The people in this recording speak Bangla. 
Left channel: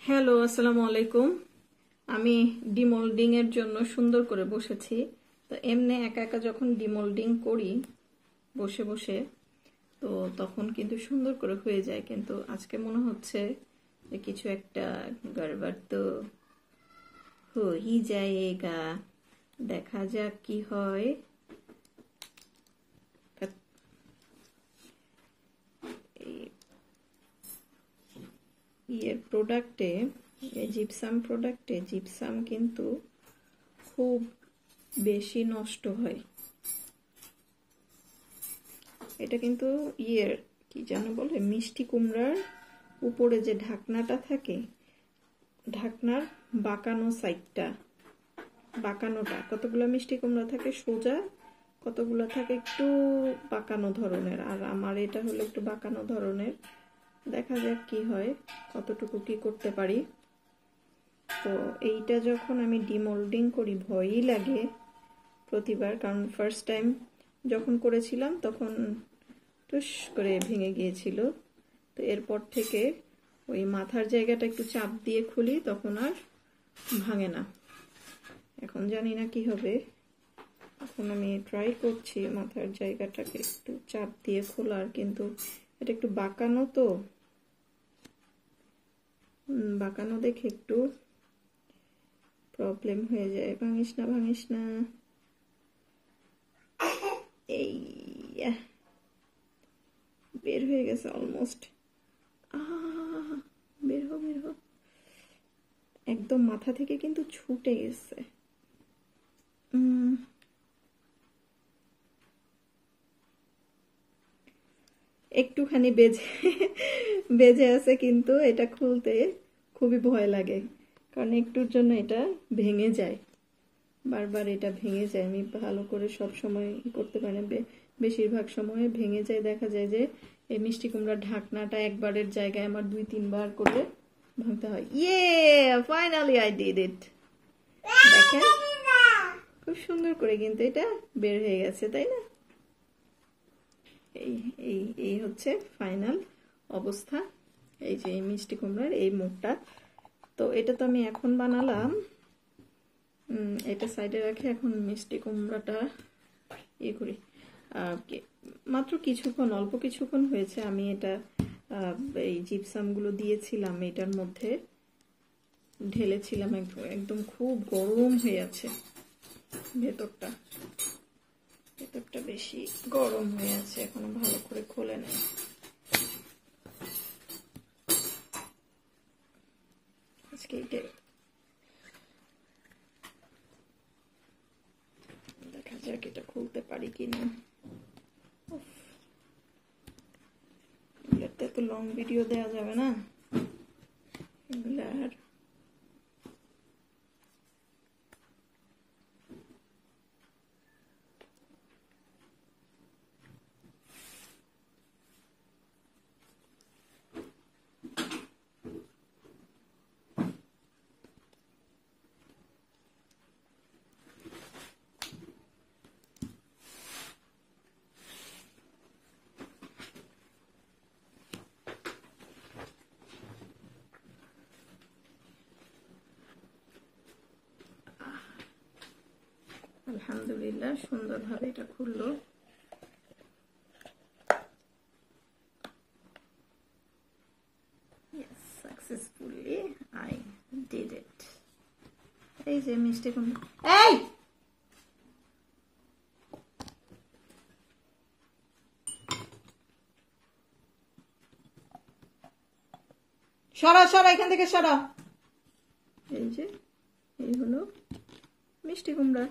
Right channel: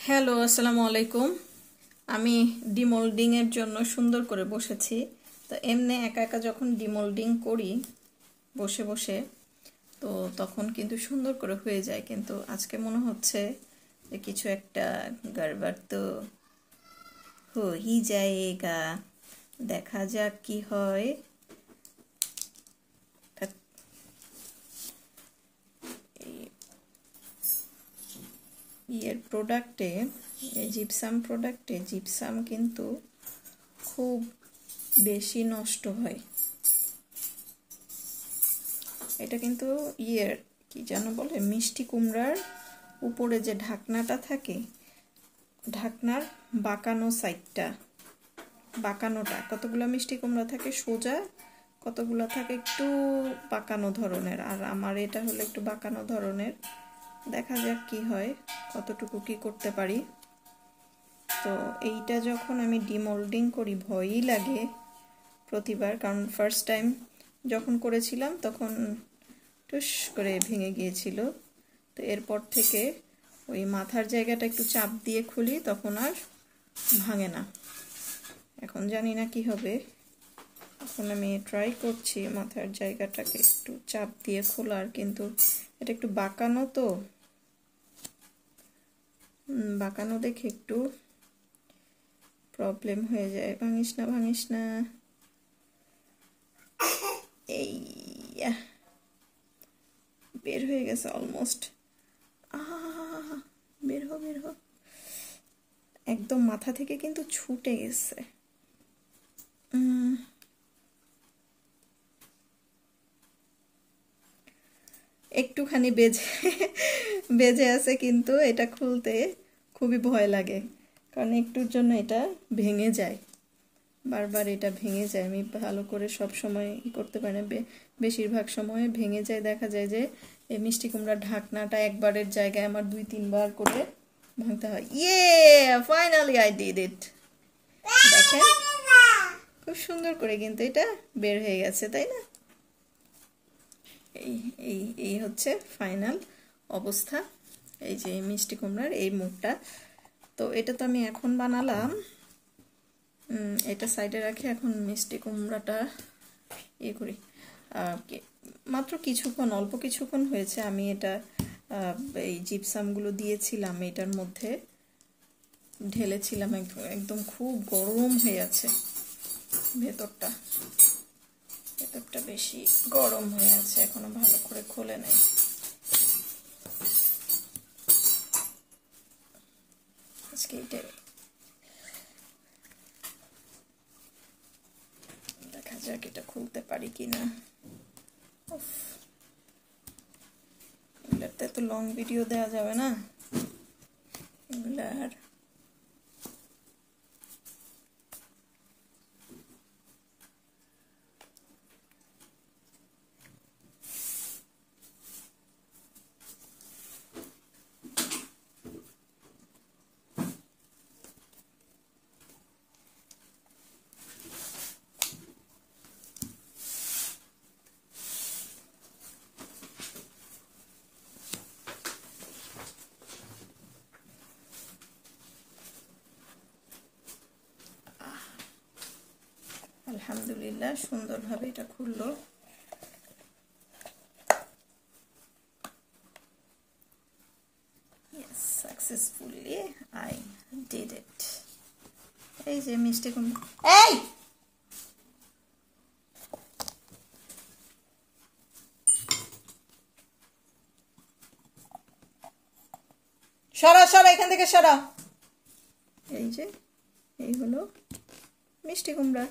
হ্যালো, আসসালামু আলাইকুম। আমি ডিমোল্ডিং এর জন্য সুন্দর করে বসেছি। তো এমনি একা একা যখন ডিমোল্ডিং করি বসে বসে, তো তখন কিন্তু সুন্দর করে হয়ে যায়, কিন্তু আজকে মনে হচ্ছে যে কিছু একটা গড়বড় তো হই যায়গা। দেখা যাক কি হয়। প্রোডাক্টে, জিপসাম প্রোডাক্টে জিপসাম কিন্তু খুব বেশি নষ্ট হয়। এটা কিন্তু কি যেন বলে, মিষ্টি কুমড়ার উপরে যে ঢাকনাটা থাকে, ঢাকনার বাঁকানো সাইডটা, বাঁকানোটা, কতগুলো মিষ্টি কুমড়া থাকে সোজা, কতগুলো থাকে একটু বাঁকানো ধরনের, আর আমার এটা হলো একটু বাঁকানো ধরনের। দেখা যাক কি হয়, কতটুকু কি করতে পারি। তো এইটা যখন আমি ডিমোল্ডিং করি ভয়ই লাগে প্রতিবার, কারণ ফার্স্ট টাইম যখন করেছিলাম তখন টুস করে ভেঙে গিয়েছিল। তো এরপর থেকে ওই মাথার জায়গাটা একটু চাপ দিয়ে খুলি, তখন আর ভাঙে না। এখন জানি না কি হবে। এখন আমি ট্রাই করছি মাথার জায়গাটাকে একটু চাপ দিয়ে খোলার, কিন্তু এটা একটু বাঁকানো, তো বাঁকানো দেখে একটু প্রবলেম হয়ে যায়। ভাঙিস না, ভাঙিস না। এই বের হয়ে গেছে অলমোস্ট। বের হো, বের হো। একদম মাথা থেকে কিন্তু ছুটে গেছে। একটুখানি বেজে আছে, কিন্তু এটা খুলতে খুবই ভয় লাগে, কারণ একটুর জন্য এটা ভেঙে যায়, বারবার এটা ভেঙে যায়। আমি ভালো করে সব সময় করতে পারি না, বেশিরভাগ সময় ভেঙে যায়। দেখা যায় যে এই মিষ্টি কুমড়ার ঢাকনাটা একবারের জায়গায় আমার 2-3 বার করে ভাঙতে হয়। Finally I did it. দেখেন খুব সুন্দর করে কিন্তু এটা বের হয়ে গেছে, তাই না? এই এই এই হচ্ছে ফাইনাল অবস্থা। এই যে মিষ্টি কুমড়ার এই মুখটা। তো এটা তো আমি এখন বানালাম, এটা সাইডে রাখি। এখন মিষ্টি কুমড়াটা করি। মাত্র কিছুক্ষণ, অল্প কিছুক্ষণ হয়েছে আমি এটা এই জিপসামগুলো দিয়েছিলাম, এটার মধ্যে ঢেলেছিলাম। একদম খুব গরম হয়ে আছে ভেতরটা, ভেতরটা বেশি গরম হয়ে আছে, এখনো ভালো করে খোলে নেই। আজকে এটা দেখা যাক এটা খুলতে পারি কিনা। এগুলাতে তো লং ভিডিও দেওয়া যাবে না, এগুলার আলহামদুলিল্লাহ সুন্দরভাবে এটা খুললো। Yes, successfully I did it. এই যে মিষ্টি কুমড়া, এই সরা সরা, এখান থেকে সরা। এই যে এই হলো মিষ্টি কুমড়া।